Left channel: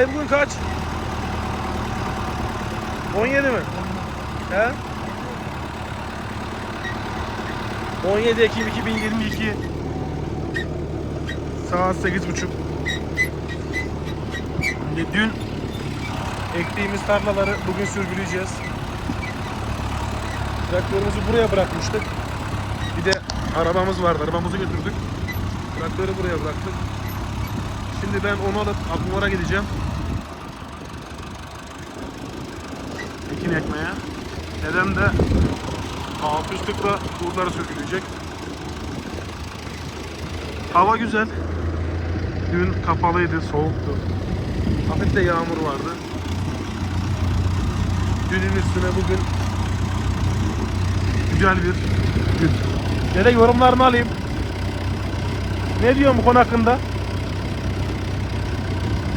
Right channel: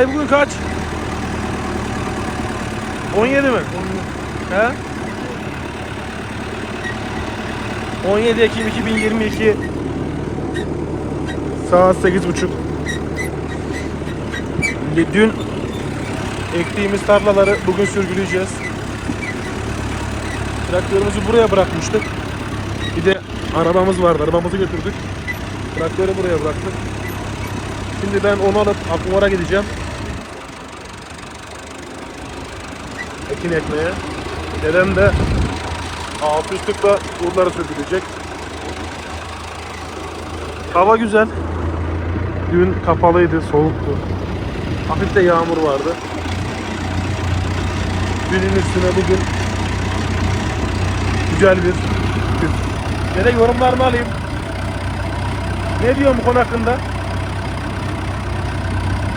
Ay bugün kaç? 17 mi? 17. He? 17 Ekim 2022 saat 8.30 Dün ektiğimiz tarlaları bugün sürgüleyeceğiz. Traktörümüzü buraya bırakmıştık. Bir de arabamız vardı. Arabamızı götürdük. Traktörü buraya bıraktık. Şimdi ben onu alıp Akmuvar'a gideceğim. Ekin ekmeye. Dedem de 640'la kurları sürgüleyecek. Hava güzel. Dün kapalıydı, soğuktu. Hafif de yağmur vardı. Dünün üstüne bugün güzel bir gün. Dede yorumlarını alayım. Ne diyor bu konu hakkında?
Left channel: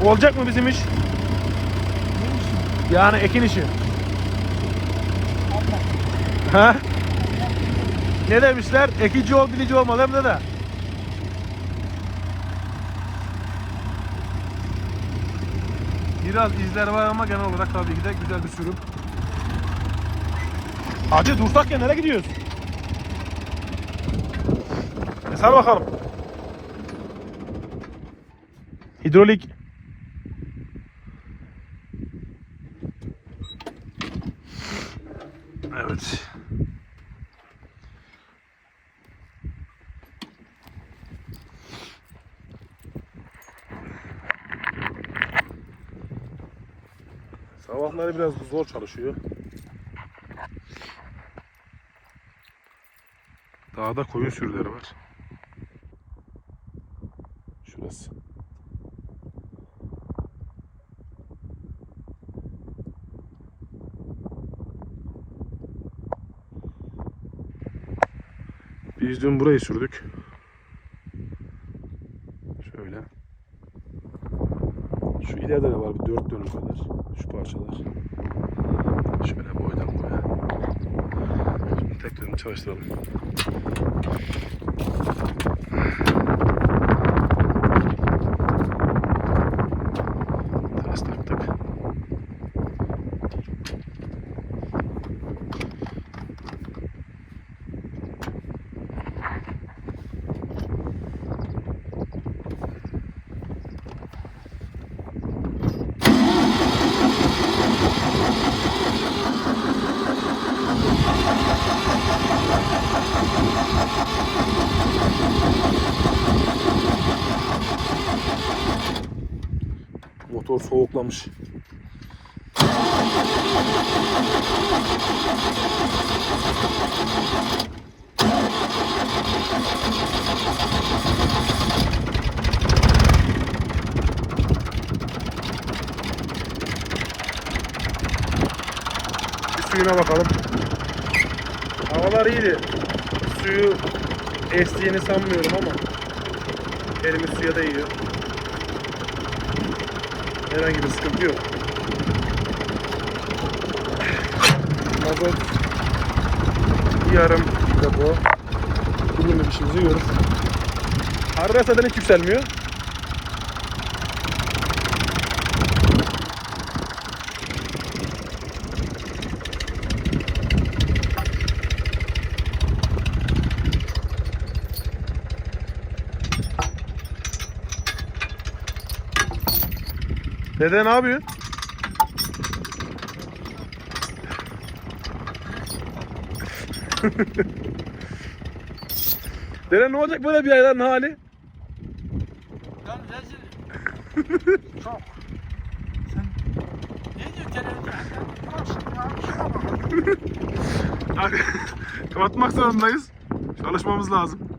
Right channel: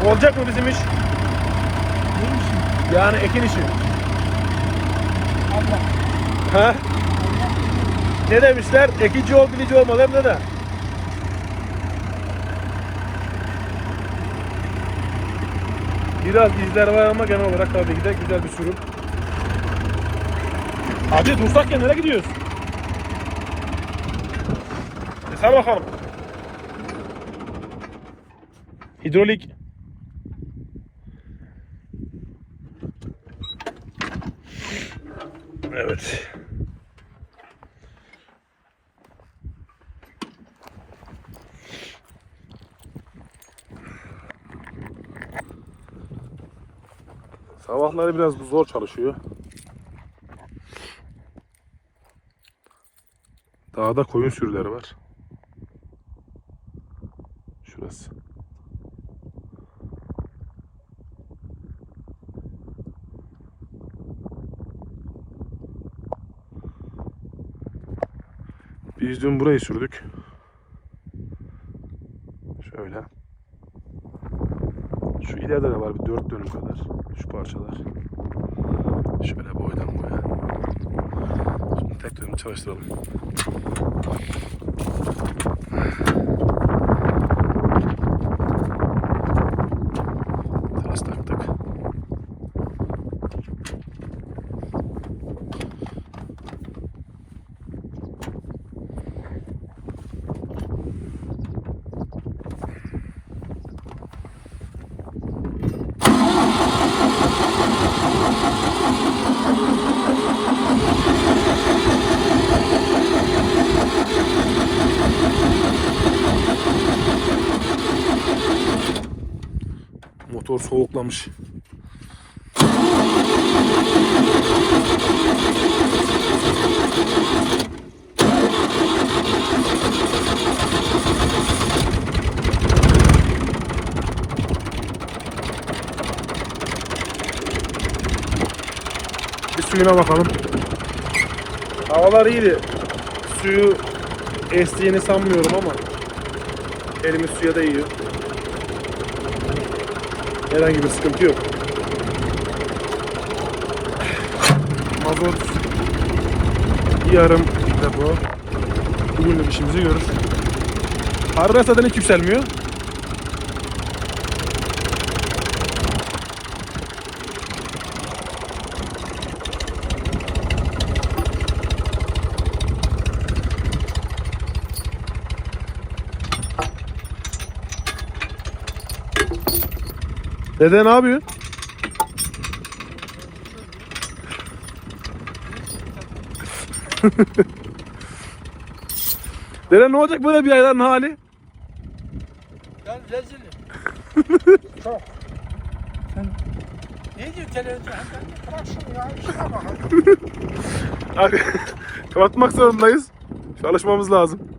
Olacak mı bizim iş? Yani ekin işi. Ne demişler? Ekici ol bilici olma değil mi dede? Biraz izler var ama genel olarak tabii ki de güzel bir sürüm. Hacı dursak ya nereye gidiyoruz? E sar bakalım. Hidrolik. Evet. Sabahları biraz zor çalışıyor. Dağda koyun sürüleri var. Şurası. Biz dün burayı sürdük. Şöyle. Şu ileride de var bir dört dönüm kadar. Şu parçalar. Şöyle boydan boya. Şimdi tek dönüm çalıştıralım. Motor soğuklamış. Bir suyuna bakalım. Havalar iyiydi. Suyu estiğini sanmıyorum ama elimiz suya değiyor. Herhangi bir sıkıntı yok. Yarın bugün işimizi görür. Harbiden zaten hiç yükselmiyor. Dede ne yapıyorsun? Dede ne olacak böyle bir ayların hali? Ya rezil. Çok. Sen ne diyor televizyon? Bırak şunu ya. Şuna bak. Kapatmak zorundayız. Çalışmamız lazım.